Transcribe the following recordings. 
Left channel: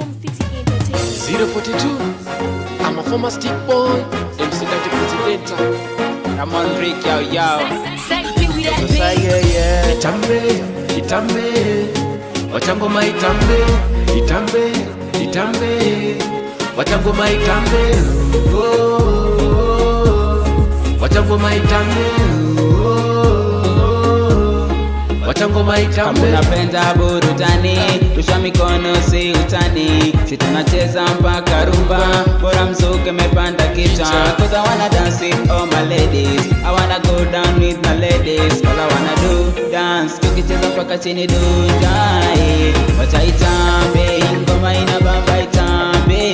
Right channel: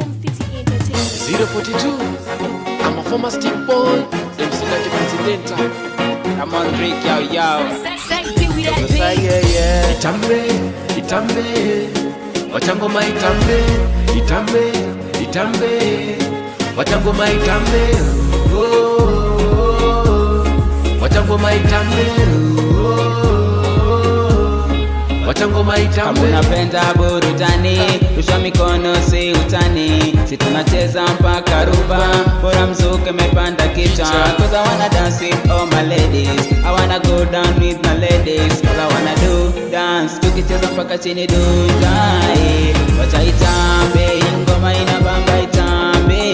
042, I'm a former stick boy, MC Dante Presidenta. I'm on Rick, yo. Itambe, itambe, wachangoma itambe, itambe, itambe, wachangoma itambe, wachangoma itambe, wachangoma itambe. Kama unapenda burudani, rusha mikono si utani. Si tunacheza mpaka rumba, bora mzuke mepanda kichwa. Cause I wanna dance with all my ladies, I wanna go down with my ladies. All I wanna do, dance, tukicheza mpaka chini dundai. Wacha itambe, ingoma inabamba itambe.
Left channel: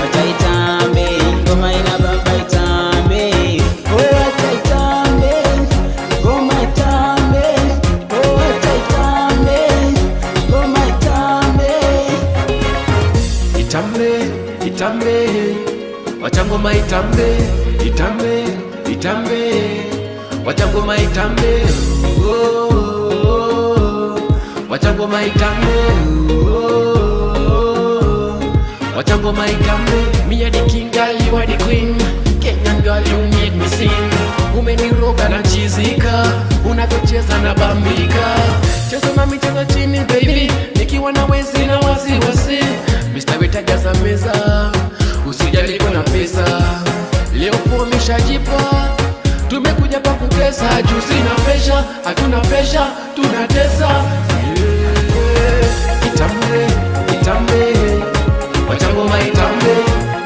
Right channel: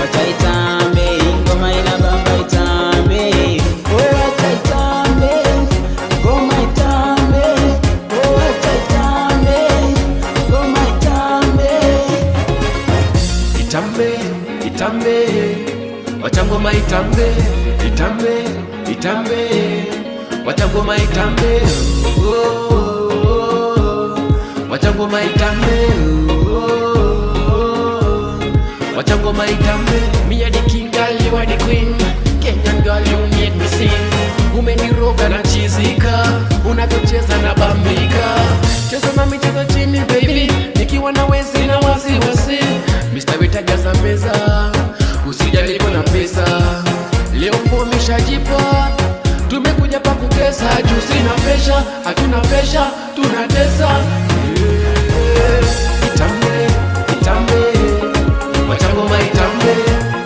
Wacha itambe, ingoma inabamba itambe. Oh, wacha itambe, ngoma itambe. Oh, wacha itambe, ngoma itambe. Itambe, itambe, wachangoma itambe, itambe, itambe, wachangoma itambe, wachangoma itambe, wachangoma itambe. Me a the king, girl, you are the queen. Kenyan girl, you made me sing. Umeniroga na chizika, unavyocheza na bambika. Cheza na michezo chini baby, nikiwa na wezi na wasiwasi. Mr. Wetajaza meza, usijali kuna pesa. Leo fomisha jipa, tumekuja pa kutesa. Juu sina pesha, hatuna pesha, tunatesa. Itambe, itambe, wachangoma itambe,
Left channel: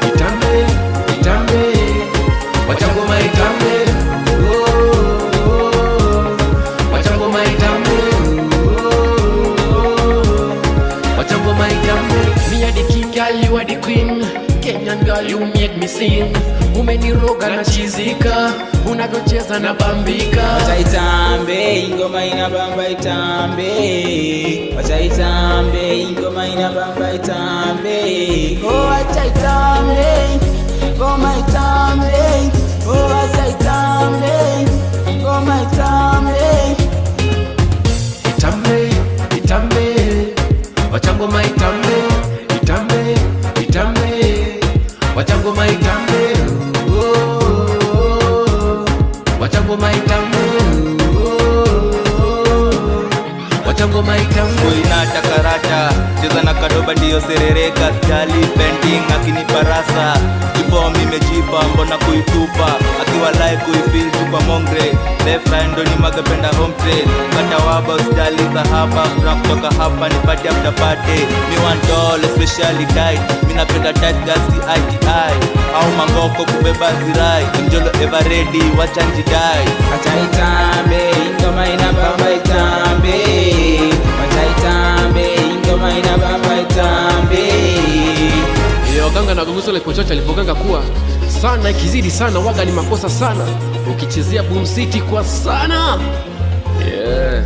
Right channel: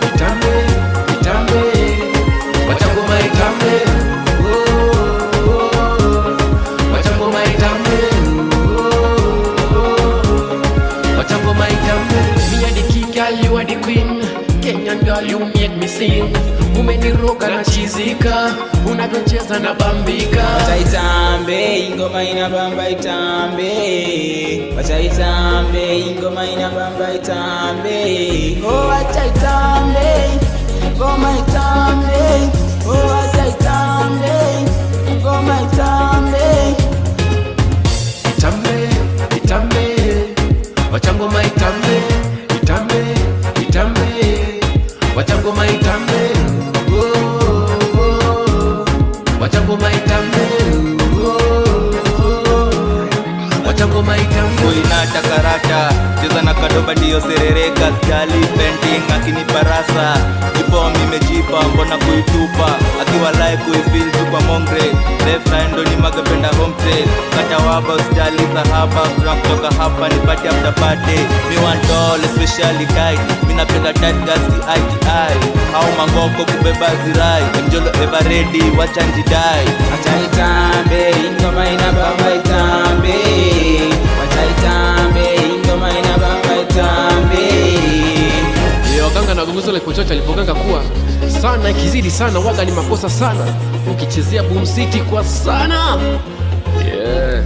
itambe, itambe, wachangoma itambe, wachangoma itambe, wachangoma itambe. Me a the king, girl, you are the queen. Kenyan girl, you made me sing. Umeniroga na chizika, unavyocheza na bambika. Wacha itambe, ingoma inabamba itambe. Wacha itambe, ingoma inabamba itambe. Oh, wacha itambe, ngoma itambe. Oh, wacha itambe, ngoma itambe. Itambe, itambe, wachangoma itambe, itambe, itambe, wachangoma itambe, wachangoma itambe, wachangoma itambe. Kuinata karata, cheza na kadoba ndiyo serereka. Sijali painting akinipa rasa, before mimejipa mbona kuitupa. Akiwa live kuifeel tu kwa mongre, left right ndo ni magapenda home trade. Kata waba usijali sahaba, kuna kutoka hapa ni party after party. Me want all especially tight, minapenda tight gasi ITI. Au mangoko kubeba zirai, mjolo ever ready, wacha njidai. Wacha itambe, ingoma inabamba itambe. Wacha itambe, ingoma inabamba itambe. Waganga na gongozo la Pochocha alipoganga kuwa sana ikizidi sana waga ni makosa sana. Ukichezea Boom City kwa sana. Yeah.